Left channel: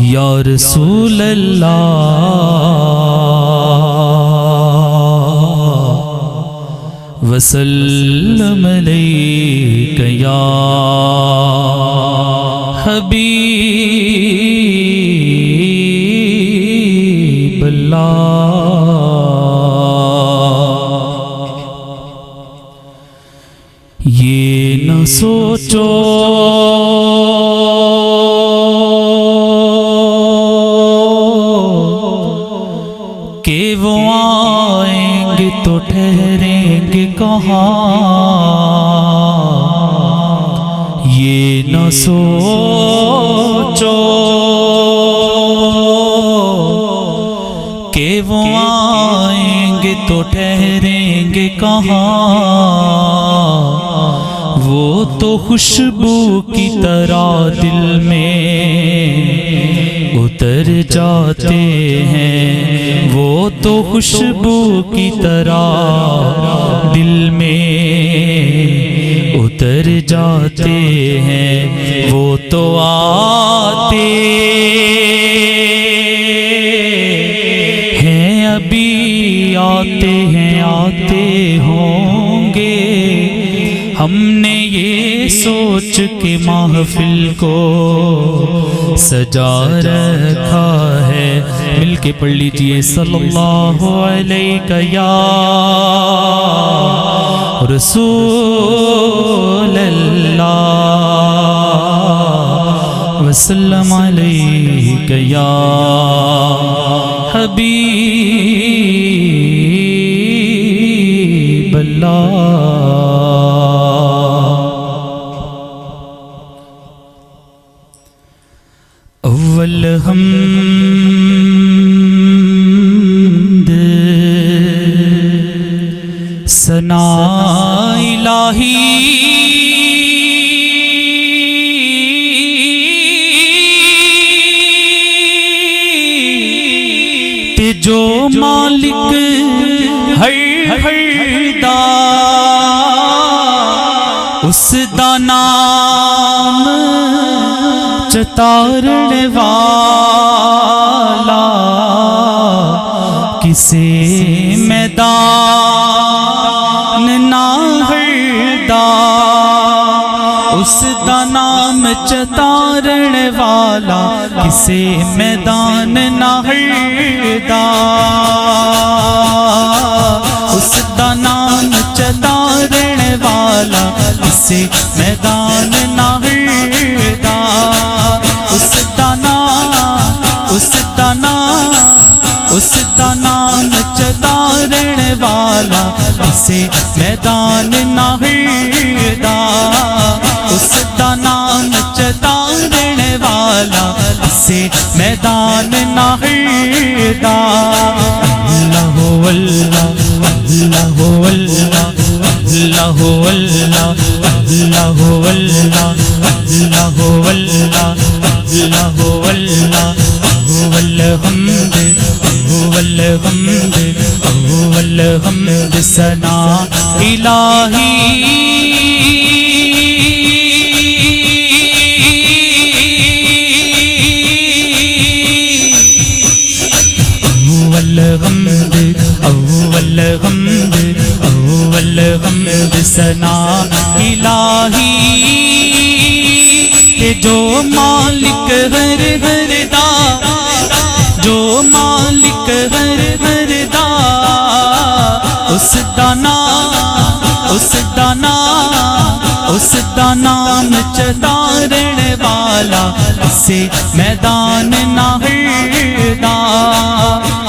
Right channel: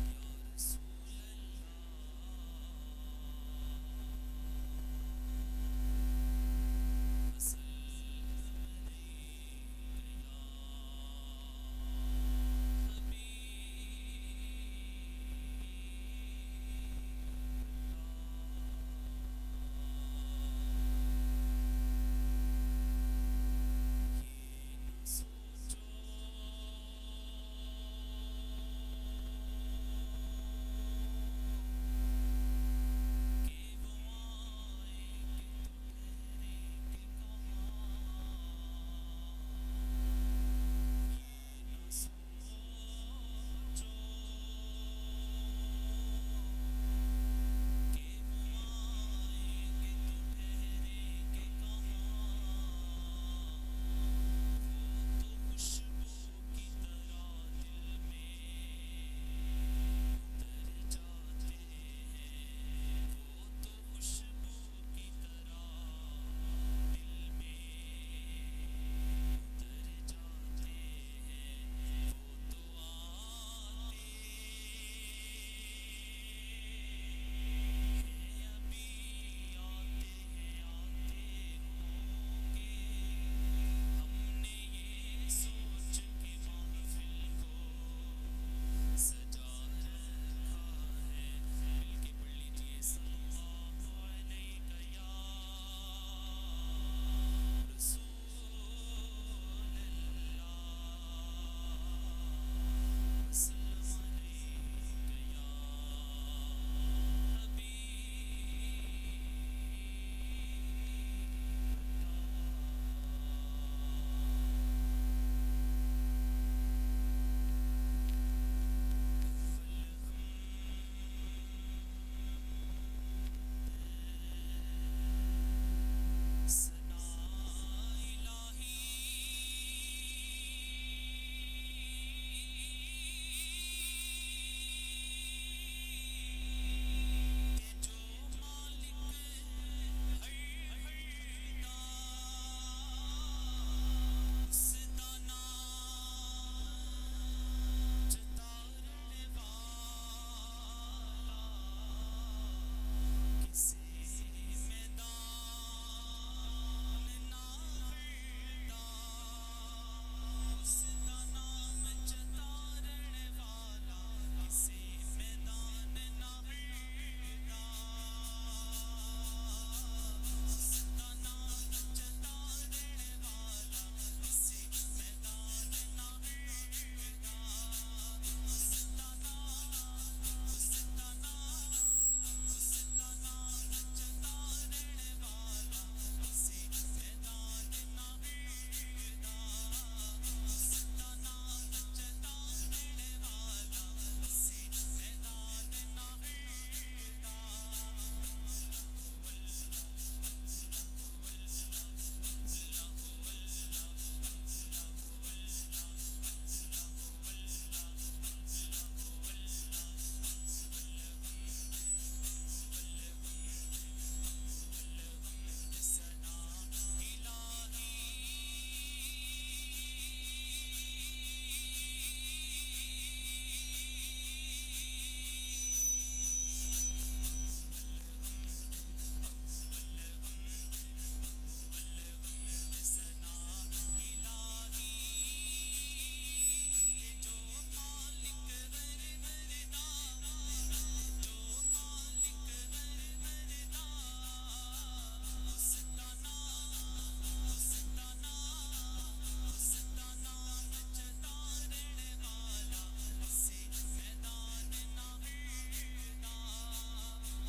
یا رسول اللہ وسلم علیک یا حبیب اللہ۔ یہ نہ سوچو کہ وہ آئیں گے تو ٹھہریں گے کہاں، یہ نہ سوچو کہ وہ آئیں گے تو ٹھہریں گے کہاں، وہ تو خوشبو کی طرح دل میں اتر جاتے ہیں، وہ تو خوشبو کی طرح دل میں اتر جاتے ہیں، وہ تو آتے ہیں ابھی آتے ہیں آتے ہوں گے۔ ہم نے یہ سوچ کے محفل کو سجا رکھا ہے، مل کے پڑھ لیجئے صلی اللہ علیہ یا رسول اللہ وسلم علیہ یا حبیب اللہ۔ اول حمد ثنا الہی تے جو مالک ہر دا اس دا نام چتارن والا، کسے میدان نہ ہردا اس دا نام چتارن والا، کسے میدان نہ ہردا اس دا نام چتارن والا، کسے میدان نہ ہردا اس دا نام چتارن والا، اسے میدان نہ ہردا اس دا نام چتارن والا، اسے میدان نہ ہردا۔ اللہ اللہ اللہ اللہ اللہ اللہ اللہ اللہ اللہ اللہ اللہ اللہ الحمد الحمد الحمد ثنا الہی الحمد الحمد الحمد ثنا الہی کہ جو مالک ہر ہر دا، جو مالک ہر ہر دا اس دا نام چتارن والا، اسے میدان نہ ہردا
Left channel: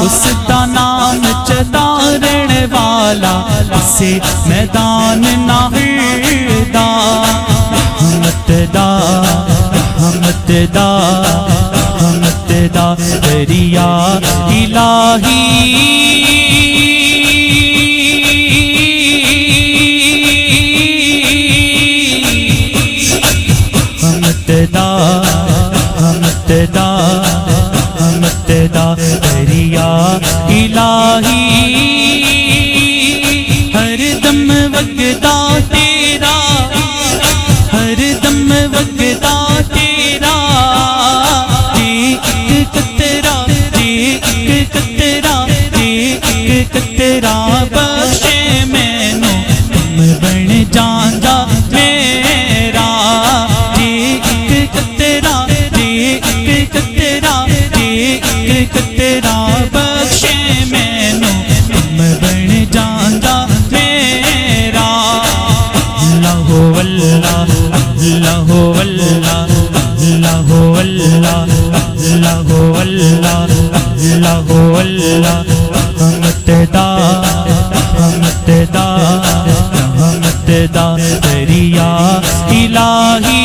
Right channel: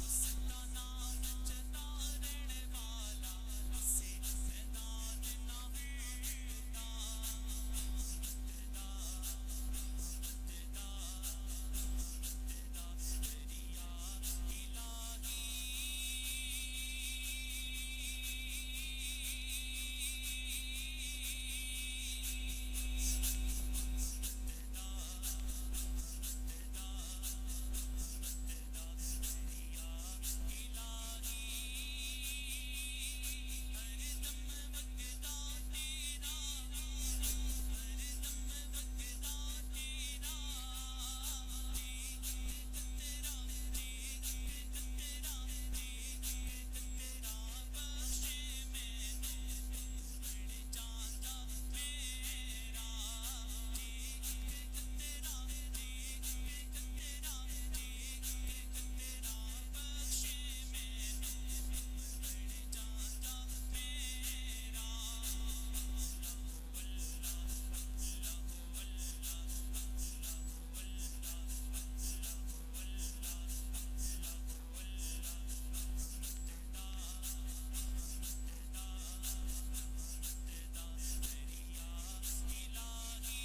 اس دا نام چتارن والا، اسے میدان نہ ہردا۔ حمد دا دریا الہی حمد دا دریا الہی ہر دم وگدا تیرا جاندا میرا جی ایک قطرہ جی ایک قطرہ جی ایک قطرہ بخشے مینوں غم بن جاندا میرا اللہ اللہ اللہ اللہ اللہ اللہ اللہ اللہ اللہ اللہ رحمت دا رحمت دا دریا الہی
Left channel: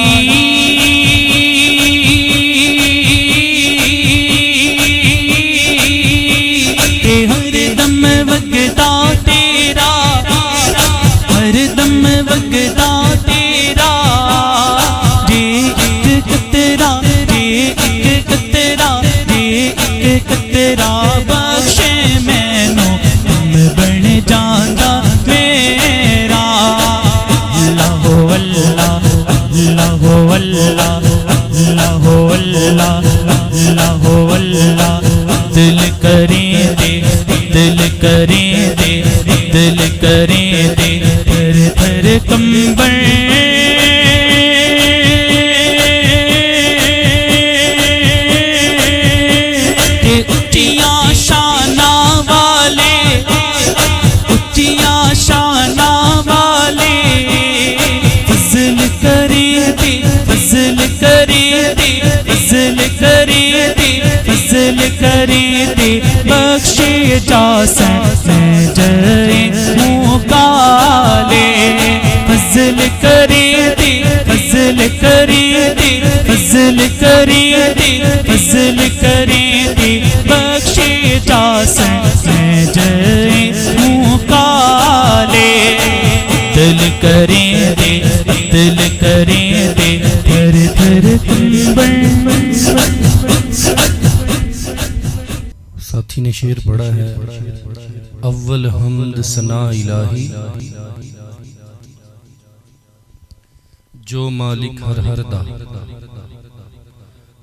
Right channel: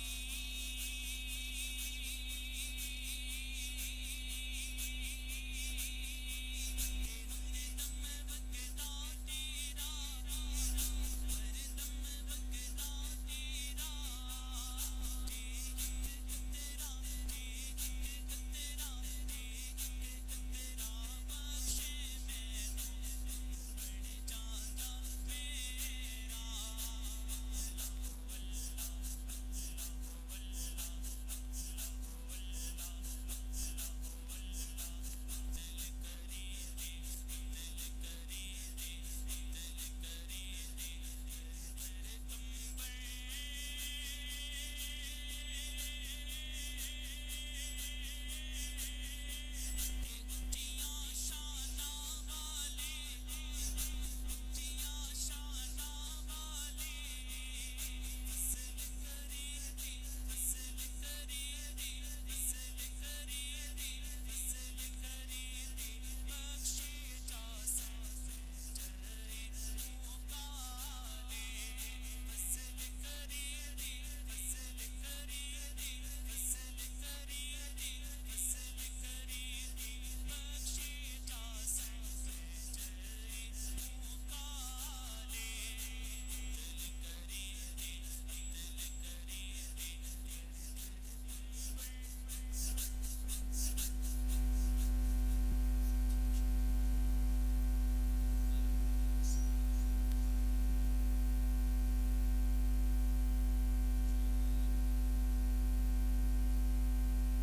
تے ہر دم وگدا تیرا ہر دم وگدا تیرا جی ایک قطرہ جی ایک قطرہ جی ایک قطرہ بخشے مینوں غم بن جاندا میرا اللہ اللہ اللہ اللہ اللہ اللہ اللہ اللہ دل کریں دے دل کریں دے دل کریں دے تھر تھر کمبر بخشے جاسن میں جائے منہ کالے فضل کرے دے فضل کرے دے فضل کرے دے فضل کرے دے بخشے جاسن میں جائے منہ کالے دل کرے دے دل کرے دے تھر تھر کمبر ساتھی نے شعر پڑھا ہے اول حمد ثنا الہی جو مالک ہر ہر دا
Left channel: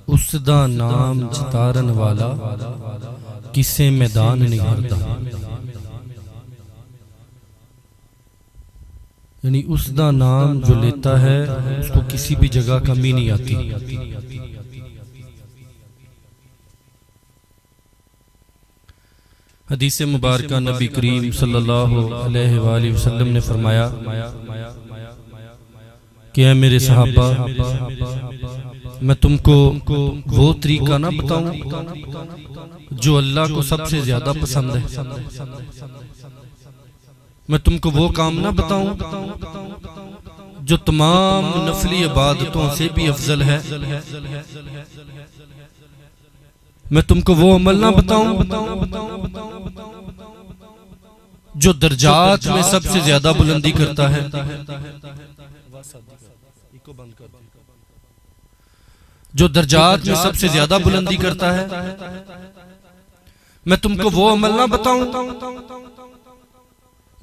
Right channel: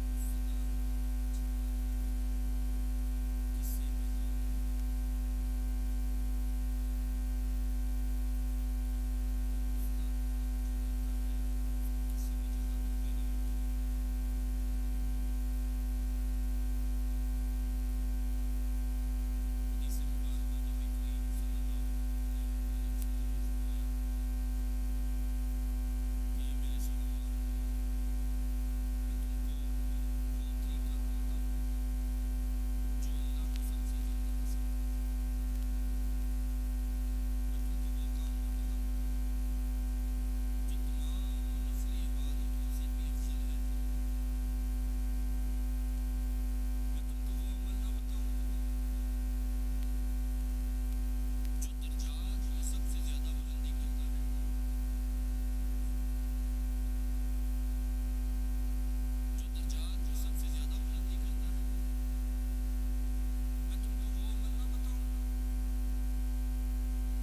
اس دا نام جتارن والا کسے میدان نہیں ہردا یعنی اس دا نام جو لیتا ہے اس کو کسی بھی جگہ کمی نہیں آتی حدیث مبارکہ نبی کریم صلی اللہ علیہ وآلہ وسلم نے فرمایا کہ اے میرے صحابہ میں تم کو وہ طریقہ نہ بتاؤں جو اللہ کو سب سے زیادہ پسند ہے میں تم کو وہ کام نہ بتاؤں جو تمام نفلی عبادتوں سے بھی افضل ہے میں تم کو وہ عمل نہ بتاؤں جو درجات میں سب سے زیادہ بلندی کرتا ہے جو درجات میں سب سے زیادہ بلندی کرتا ہے میں تم کو وہ عمل نہ بتاؤں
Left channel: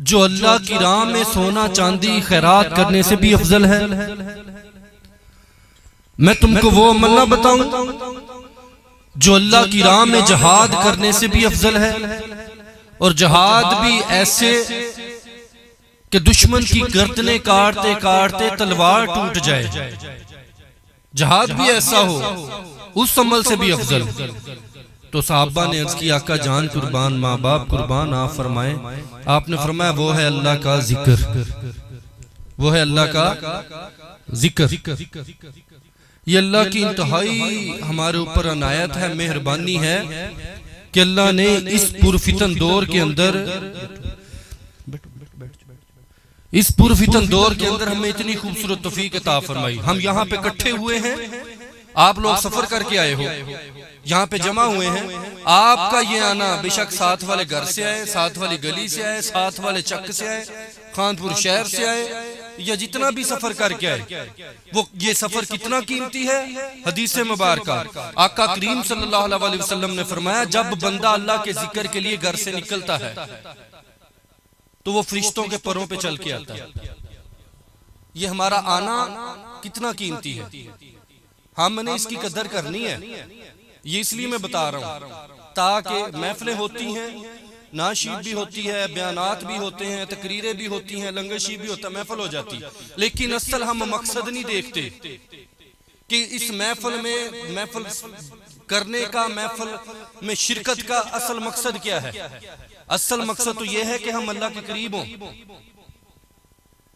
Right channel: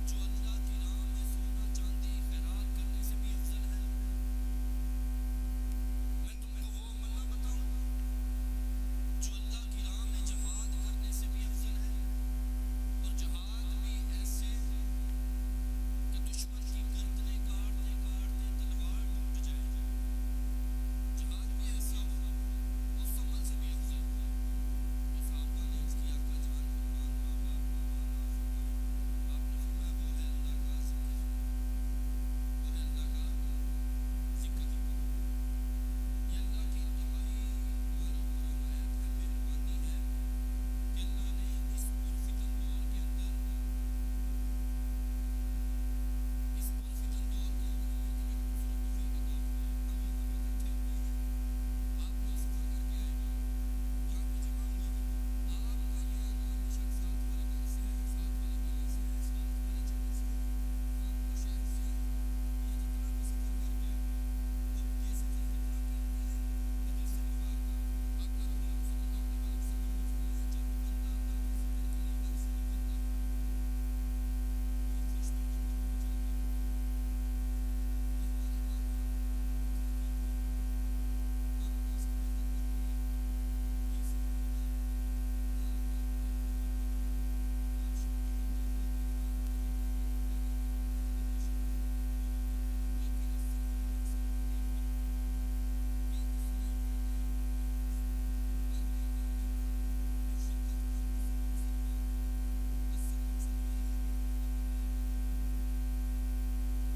جو اللہ کی راہ میں سونا چاندی خیرات کرنے سے بھی افضل ہے میں تم کو وہ عمل نہ بتاؤں جو اللہ کی راہ میں جہاد کرنے سے بھی افضل ہے اور جہاد بھی ایسے کہ دشمن کی گردنیں کاٹتے کاٹتے تلوار ٹوٹ جائے جہاد بھی ایسا ہو اس عمل سے بھی افضل تو صحابہ نے عرض کی آقا جان قربان ماں باپ قربان آپ فرمائیں آپ نے فرمایا وہ ہے اللہ کا ذکر وہ ہے اللہ کا ذکر یہ اللہ کی انتہائی ہمارے اوپر عنایت ہے مہربانی ہے کہ اللہ نے اس پرفتن دور کے اندر ہمیں اتنی خوبصورت توفیق عطا فرمائی ہم یہاں پہ اکٹھے ہوئے ہیں آپ لوگ سفر کر کے آئے ہو یہاں پہ جمع ہوئے ہیں آپ کا یہ آنا بے شک ساتھ والے گھر سے آئے ساتھ والی گلی سے آئے ساتھ والے چک سے آئے خانپور شہر سے آئے یا جتنا بھی سفر کر کے آئے وہ یہ سفر کتنا قیمتی ہے حدیث مبارکہ آقا کریم صلی اللہ علیہ وسلم نے فرمایا جب بندہ اللہ کے ذکر کے لیے گھر سے نکلتا ہے تو وہ فرشتوں کے پروں پہ چل کے آتا ہے یہ ہمارا آنا کتنا قیمتی ہے ہم نے اس کی قدر کرنی ہے یہ اس لیے میں بتا رہا ہوں تاکہ محفلیں ہوتی ہیں ناشید بھی ہوتی ہے، بیانات بھی ہوتے ہیں، تقریریں بھی ہوتی ہیں، لنگرشی بھی ہوتا ہے، محفل ہو جاتی ہے، لیکن اصل ہم مقصد نہیں دیکھتے کہ اس محفل میں محفل کرنے کا، محفل میں شرکت کا اصل مقصد کیا ہے۔ اصل مقصد تو یہ ہے کہ ہم اللہ کے قریب ہوں،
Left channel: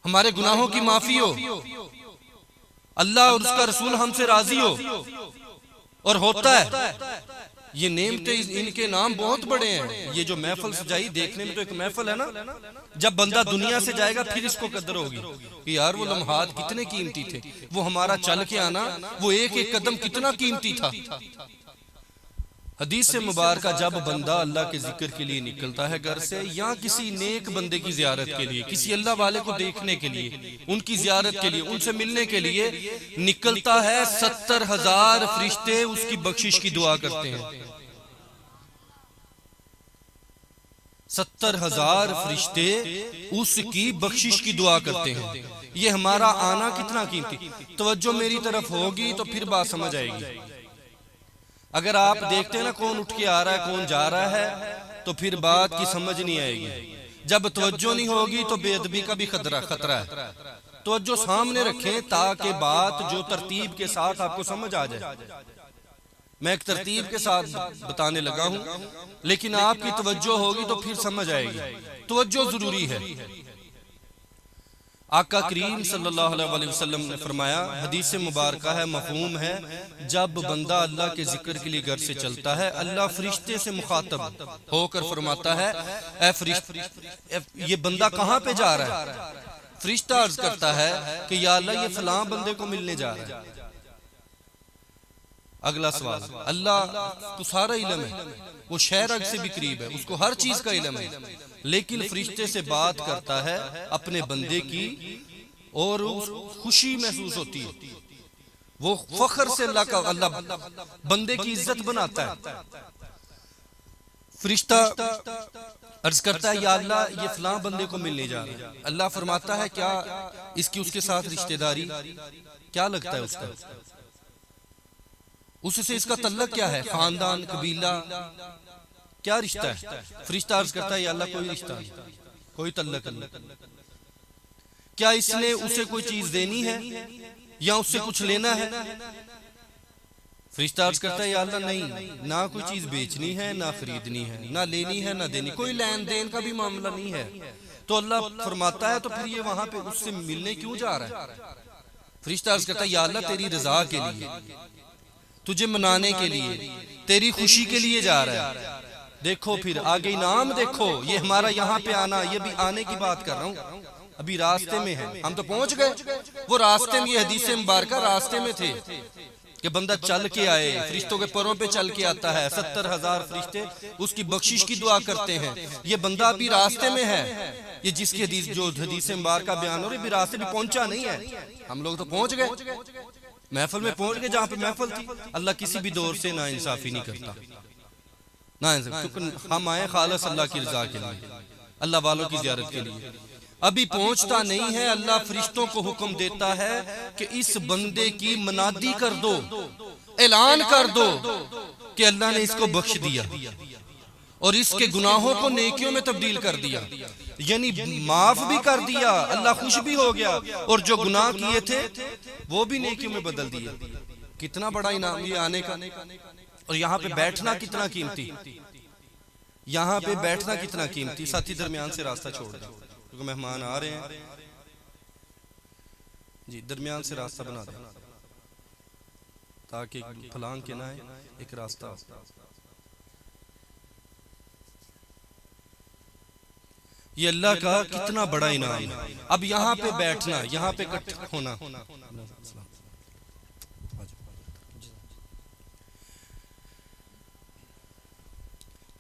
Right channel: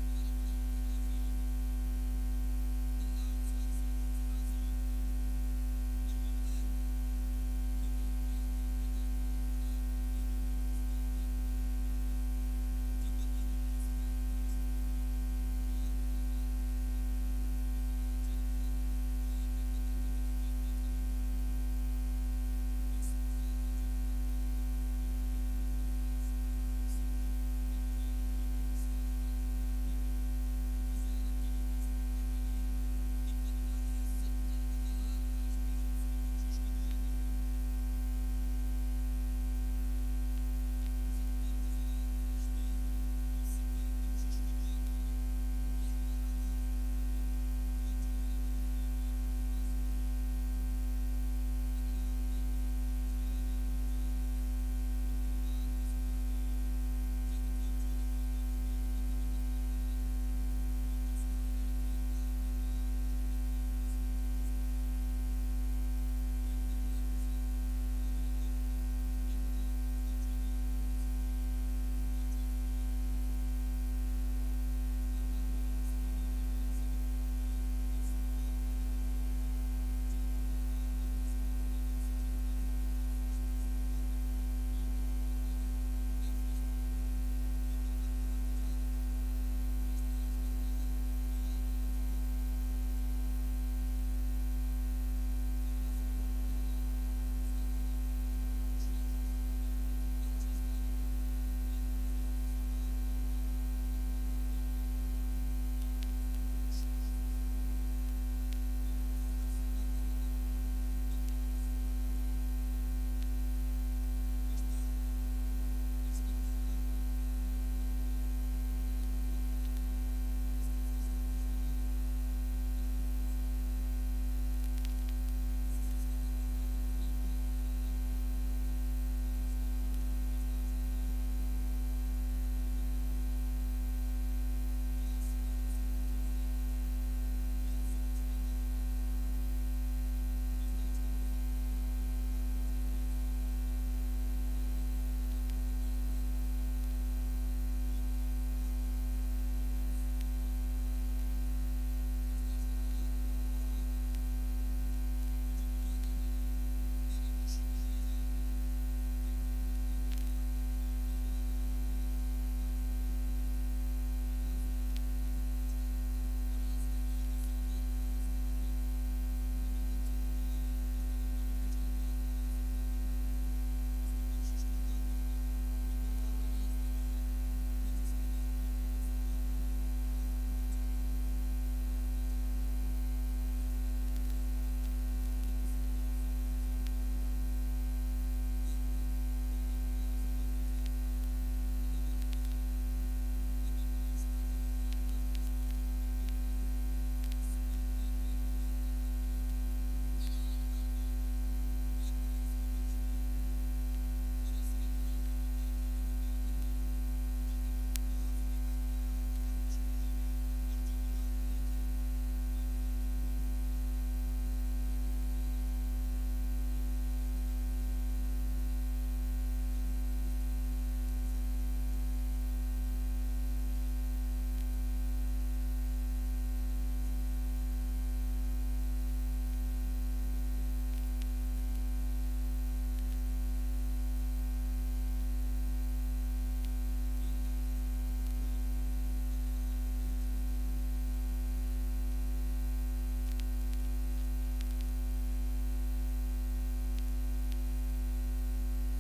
ہمارے گناہوں کی معافی ہو، اللہ اور اس کا رسول ہم سے راضی ہو، اور ہوتا ہے۔ یہ نعمتیں ان کے نام بہت بڑے ہیں۔ یہ جو محفل سجائی دیکھنے میں تو ایک محفل ہے نا، جب بندہ دنیا سے جائے گا پھر اس کو قدر ہوگی کہ یار وہ لمحات کتنے قیمتی تھے، وہ ہمارا چل کے آنا، وہ ایک ایک قدم کتنا قیمتی تھا۔ حدیث مبارکہ جب بندہ اللہ کے ذکر کے لیے نکلتا ہے گھر سے، یا کسی نیک بندے کی زیارت کے لیے، کسی اللہ والے کو دیکھنے کے لیے، ان کی زیارت کے لیے، ان سے ملنے کے لیے نکلتا ہے، 70,000 فرشتے اس کی بخشش کی دعا کرتے ہیں۔ 70,000 فرشتے اس کی بخشش کی دعا کرتے ہیں۔ یہ ہمارا آنا کتنا قیمتی۔ توجہ میری طرف ہوگی تو پھر بات سمجھ آئے گی۔ اگر آپ دیکھتے ہیں نا کون اٹھ کے آ رہا ہے، کون جا رہا ہے، تو پھر بات کی سمجھ نہیں آئے گی۔ جب توجہ نہیں ہوگی تو بے ادبی کا بھی خطرہ ہے۔ توجہ سامنے رکھیں تاکہ بات جو ترتیب کے ساتھ آپ کو سمجھ آ جائے۔ میں ایک ترتیب کے ساتھ بتانے لگا ہوں، لیکن آپ کی توجہ ہوگی تو پھر سمجھ آئے گی۔ توجہ ضروری ہے۔ آقا کریم صلی اللہ علیہ وسلم نے فرمایا، حدیث مبارکہ ہے، مفہوم ہے، جب بندہ اللہ کے ذکر کے لیے گھر سے چلتا ہے، اللہ فرشتے سے مخاطب ہو کر فرماتا ہے، اے فرشتے، یہ بندہ کہاں پہ جا رہا ہے؟ فرشتہ عرض کرتا ہے کہ یا اللہ یہ فلاں بندے کو ملنے جا رہا ہے۔ اگلا سوال، اللہ کو سارا علم ہے، وہ شہر سے بھی قریب ہے، اس کو ہر چیز کا علم ہے، لیکن فرشتے سے بات کرتا ہے اپنے بندے کی، اور خوشی محسوس ہوتی ہے، وہ فخر سے اللہ بندے کی عزت بناتا ہے۔ فرشتہ عرض کرتا ہے یا اللہ یہ فلاں بندے کو ملنے جا رہا ہے۔ اللہ فرماتا ہے کیا اس کی اس کے ساتھ رشتہ داری کیا لگتا ہے؟ اس کا اس سے اس کا تعلق کیا ہے؟ خاندان، قبیلہ، کیا رشتہ ہے؟ فرشتہ عرض کرتا ہے یا اللہ کوئی رشتہ، کوئی تعلق نہیں۔ کیا اس نے اسے کوئی چیز دینی ہے یا اس سے کچھ لینا ہے؟ فرشتہ عرض کرتا ہے یا اللہ نہیں، نہ کوئی چیز بیچنی ہے، نہ خریدنی ہے، نہ لینی ہے، نہ دینی، کوئی لین دین کا بھی معاملہ نہیں ہے۔ تو اللہ فرماتا ہے تو پھر یہ وہاں پہ اس سے ملنے کیوں جا رہا ہے؟ فرشتہ عرض کرتا ہے یا اللہ تیری رضا کے لیے، تجھے منانے کے لیے، تیری خوشی کے لیے جا رہا ہے۔ دیکھو پھر آگے انعام دیکھو، یہ ہمارا یہاں پہ آنا، یہ بھی آنے کی بات کر رہا ہوں، ابھی راستے میں ہے، ہم تو پہنچ گئے، وہ راستے میں، یہ حدیث مبارکہ راستے میں تھے کہ بندہ چل کے آئے، فرشتوں کے پروں پہ چل کے آتا ہے، 70,000 فرشتے اس کی بخشش کی دعا کرتے ہیں۔ یہ بندہ ابھی راستے میں ہے، یہ جس کی حدیث مبارکہ بیان ہو رہی، بھی راستے بھی پہنچا نہیں ہے، ہم لوگ تو پہنچ گئے، محفل میں پہنچ گئے جہاں پہ محفل تھی۔ اللہ کسی بھی دور سے نا انصافی نہیں کرتا، کیونکہ ہم آئے خالص اللہ کی رضا کے لیے، اللہ والوں کی زیارت کے لیے۔ ابھی پہنچتا نہیں ہے، اللہ فرشتوں کو حکم دیتا ہے کہ اس بندے کی منادی کر دو، اعلان کر دو کہ اللہ نے اس کو بخش دیا اور اس کے گناہوں کو نیکیوں میں تبدیل کر دیا، یعنی معاف بھی کر دیا، اللہ خوش بھی ہو گیا، اور جو گناہ کیے تھے وہ بھی نیکیوں میں بدل دیے۔ کتنا بڑا انعام یہ آنے کا، اور یہاں پہ بیٹھنا کتنا قیمتی، یہاں پہ بیٹھنا کتنا قیمتی۔ ساتھی درمیان سے راستہ چھوڑ دیں، کیونکہ مہمان آ رہے ہیں، جی درمیان سے راستہ بنا دیں تاکہ پھلانگ کے نہ ایک راستہ۔ یہ اللہ کا کتنا بڑا انعام۔ اب یہاں پہ بیٹھنا، یہاں پہ اکٹھا ہونا،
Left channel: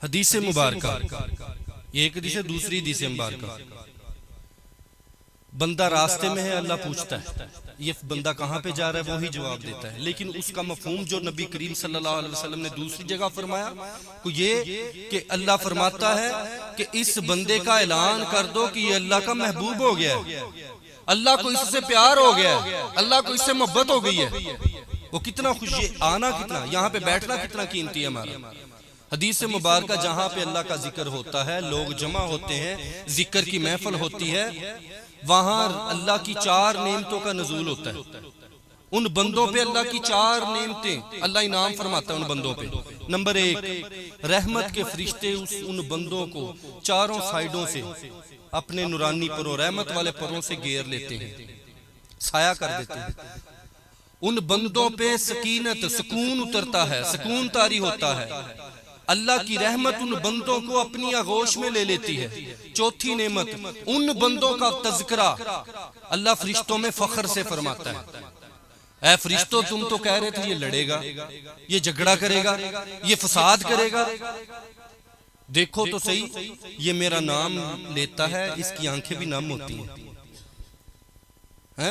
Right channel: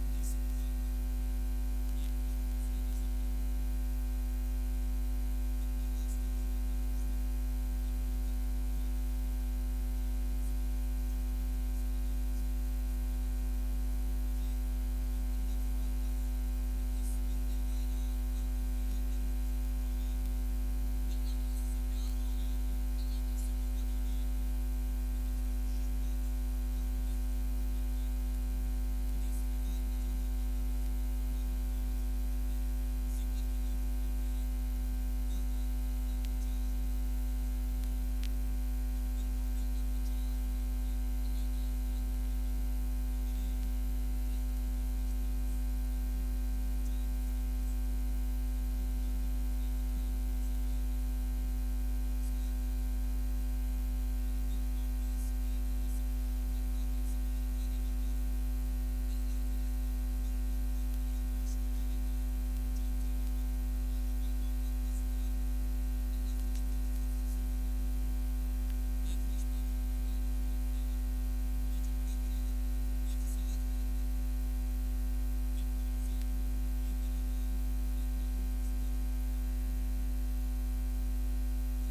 حدیث مبارکہ، یہ ایک حدیث ہے، دوسری حدیث مبارکہ، بندہ راستے میں ہے، اللہ پوچھتا ہے یہ بندہ کہاں پہ جا رہا ہے، وہی جواب دیتا ہے، لیکن اس کا مفہوم جو نبی کریم صلی اللہ علیہ وسلم نے دوسری جگہ فرمایا وہ یہ کہ اللہ فرماتا ہے کہ اس بندے کا اعلان کر دو کہ یہ اللہ کا محبوب ہو گیا ہے، اللہ کو اس سے پیار ہو گیا ہے، اللہ کو اس سے محبت ہو گئی ہے۔ وہ کتنا خوشی، آنا کتنا، یہاں پہ بیٹھنا کتنا قیمتی ہے ہمارا۔ حدیث مبارکہ جہاں پہ اللہ کا ذکر ہوتا ہے، لوگ جمع ہوتے ہیں، ذکر کی محفل ہوتی ہے، وہاں اللہ کی 4 نعمتوں کا نزول ہوتا ہے۔ ان بندوں پہ اللہ کی 4 نعمتیں اللہ انعام فرماتا ہے ان بندوں پہ۔ نمبر 1، رحمت کے فرشتے ان بندوں کو چاروں سائیڈوں سے اپنے نورانی پروں، رحمت والے پروں سے گھیر لیتے ہیں، سایہ کر دیتے ہیں۔ ان بندوں پہ سکینت، سکون اترتا ہے، سکون طاری ہوتا ہے۔ اللہ کی رحمت ان بندوں کو اپنی آغوش میں لے لیتی ہے۔ چوتھی نعمت، ان بندوں کا تذکرہ اللہ فرشتوں میں فخر سے فرماتا ہے، اے فرشتوں تم تو کہہ رہے تھے یہ لڑے گا، یہ جھگڑا کرے گا، یہ فساد کرے گا، دیکھو تو صحیح یہ میرا نام لیتا ہے، اس کی آنکھیں بھی نم ہوتی ہیں،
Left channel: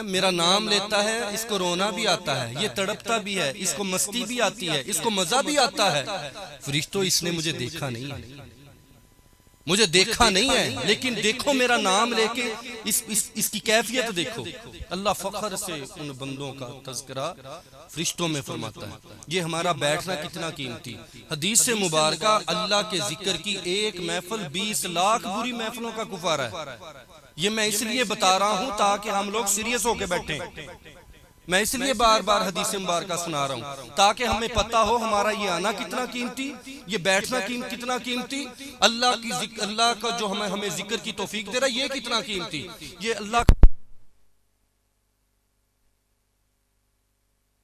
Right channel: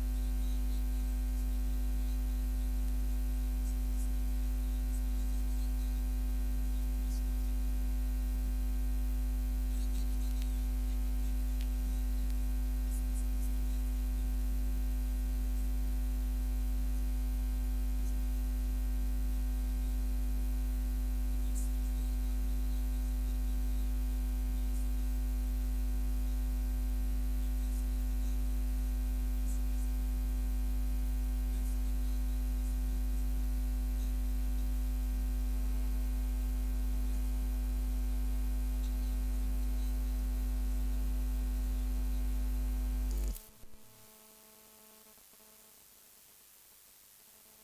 میرا نام لیتا ہے، اس کو رونا بھی آتا ہے، یہ تڑپتا بھی ہے، اس کو مستی بھی آتی ہے، اس کو مزہ بھی آتا ہے۔ فرشتوں اس نے مجھے دیکھا نہیں ہے، مجھے دیکھا نہیں ہے، لیکن دیکھو میرا نام لے کے اس کی کیفیت دیکھو۔ اللہ فخر سے ان بندوں کا تذکرہ فرشتوں میں فرماتا ہے۔ یہ ہمارا بیٹھنا کتنا قیمتی۔ حدیث مبارکہ اللہ کے ذکر کی ایک محفل 20 لاکھ بری محفلوں کا کفارہ ہے۔ یہ میں اس لیے بتا رہا ہوں تاکہ ہم لوگ سیریس ہو کے بیٹھیں، میں اس لیے بار بار حدیث مبارکہ سنا رہا ہوں تاکہ ہمیں پتہ ہو ہمارا یہ آنا کتنا قیمتی، یہ بیٹھنا کتنا قیمتی، اللہ کا جو ہمیں ذکر کی توفیق دے رہا ہے یہ کتنا قیمتی، یہ اللہ کا